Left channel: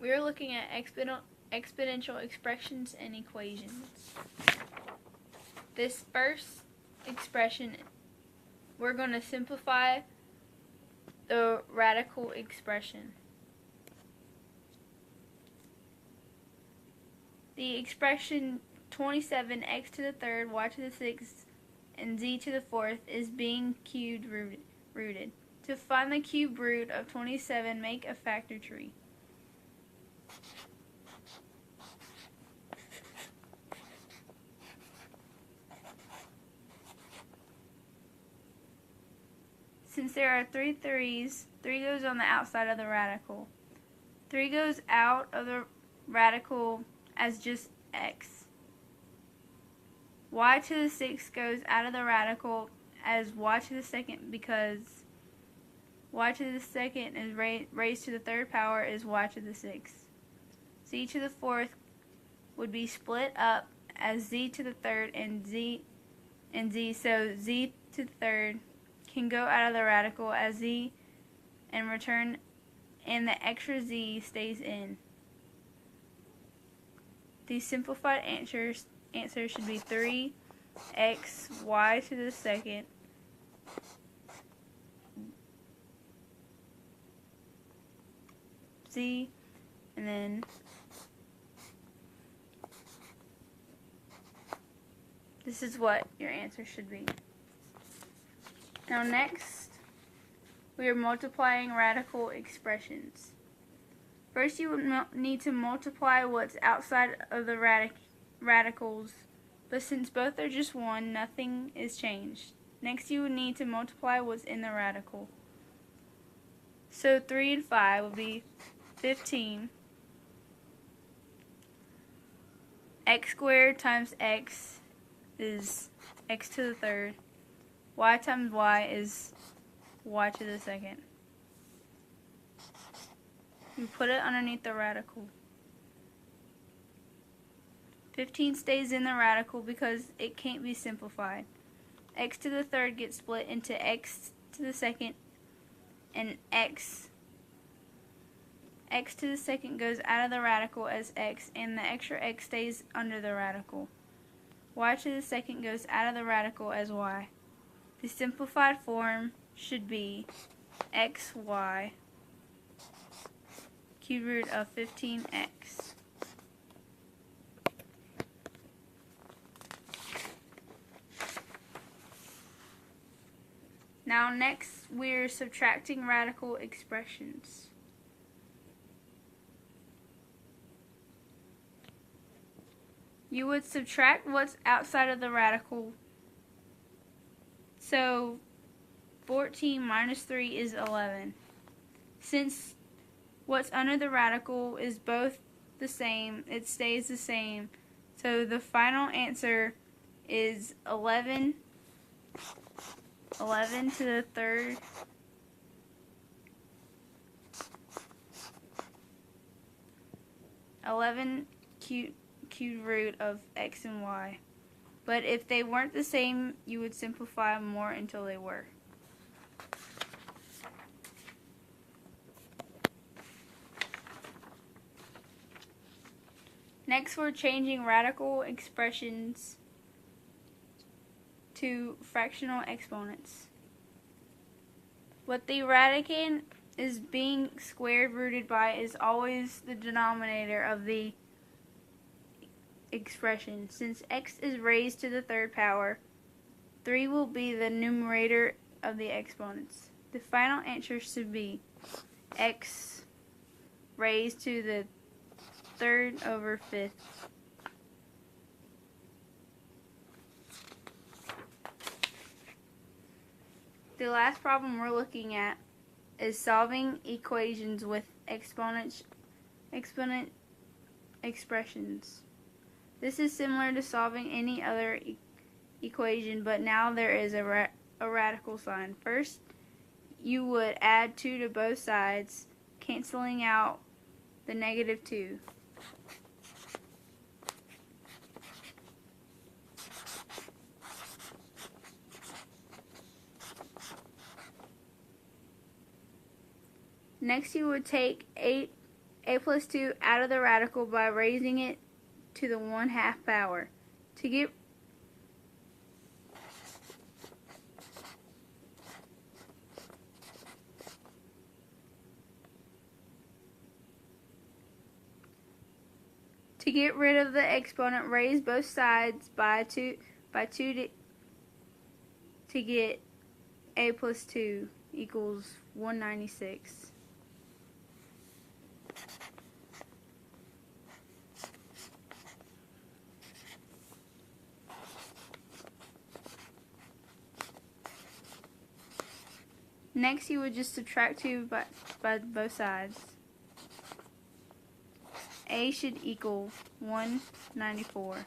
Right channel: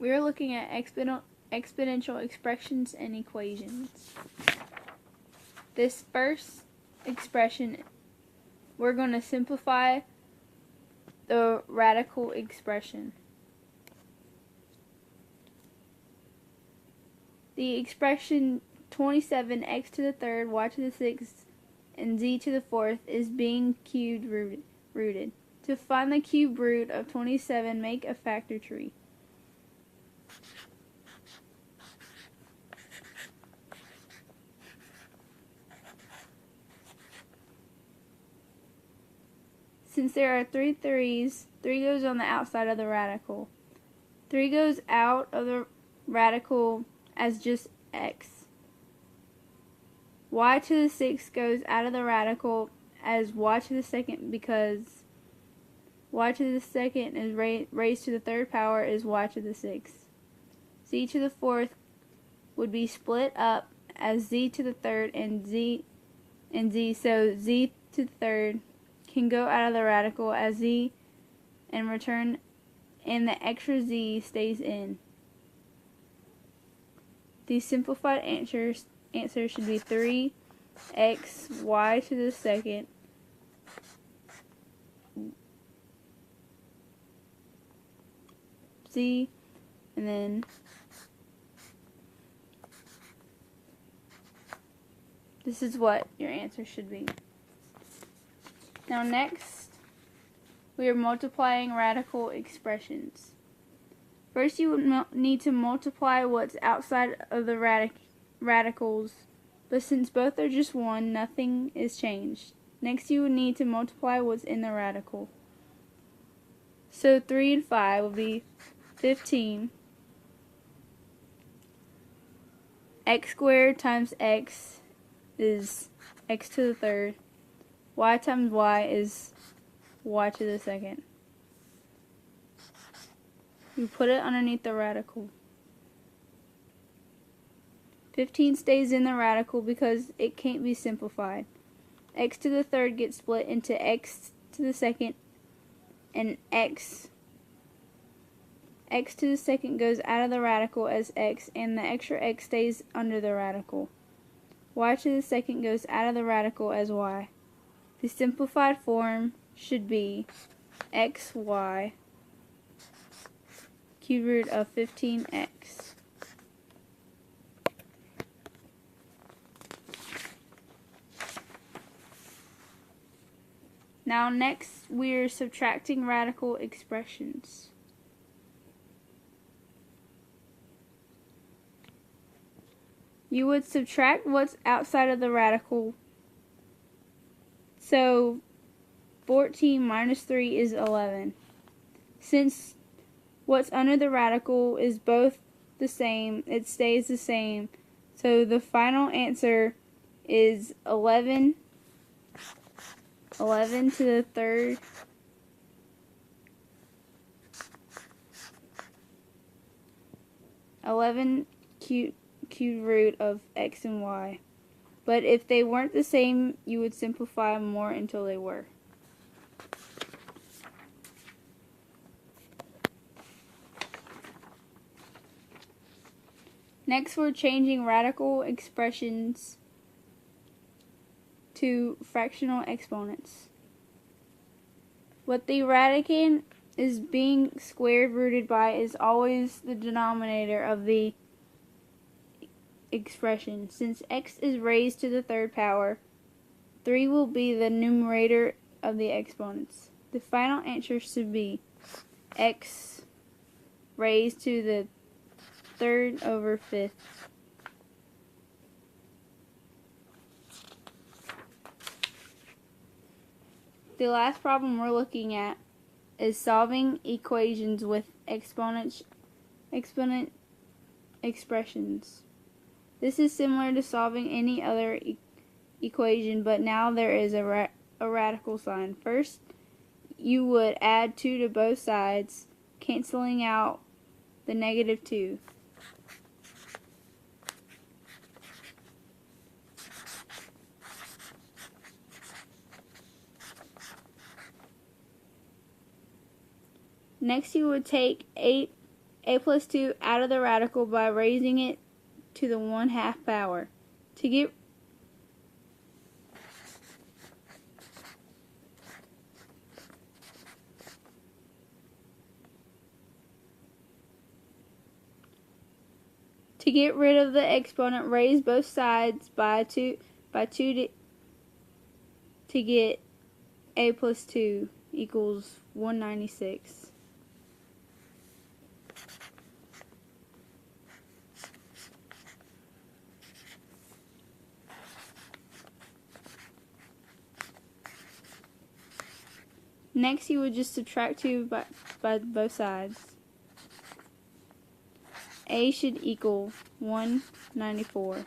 We are looking at exponential expressions and equations. This first expression, we're going to simplify the radical expression. The expression 27x to the third, y to the sixth, and z to the fourth is being cubed rooted. To find the cube root of 27, make a factor tree. Since there are three threes, 3 goes on the outside of the radical. 3 goes out of the radical as just x. Y to the sixth goes out of the radical as y to the second because y to the second is raised to the third power is y to the sixth. Z to the fourth would be split up as z to the third and z, so z to the third can go out of the radical as z and return, and the extra z stays in. The simplified answer should be 3x y to the second z, and then this is what your answer should be. Now next, we are multiplying radical expressions. First, you would need to multiply what's outside of the radicals, but since both are just 1, nothing is changed. Next, you would need to multiply what's in the radical. So 3 and 5 will be 15. X squared times x is x to the third. Y times y is y to the second. You put it underneath the radical. 15 stays in the radical because it can't be simplified. X to the third gets split into x to the second and x. X to the second goes out of the radical as x, and the extra x stays under the radical. Y to the second goes out of the radical as y. The simplified form should be xy cube root of 15x. Now next we're subtracting radical expressions. You would subtract what's outside of the radical. So 14 minus 3 is 11. Since what's under the radical is both the same, it stays the same. So the final answer is 11 to the third cube root of x and y. But if they weren't the same, you would simplify more until they were. Next, we're changing radical expressions to fractional exponents. What the radicand is being squared rooted by is always the denominator of the expression. Since x is raised to the third power, 3 will be the numerator of the exponents. The final answer should be x raised to the third over fifth. The last problem we're looking at is solving equations with exponent expressions. This is similar to solving any other equation, but now there is a radical sign. First, you would add 2 to both sides, canceling out the negative 2. Next, you would take 8 a plus 2 out of the radical by raising it to the 1/2 power. To get rid of the exponent, raise both sides by 2 to get a plus 2 equals 196. Next, you would just subtract 2 by both sides. A should equal 194.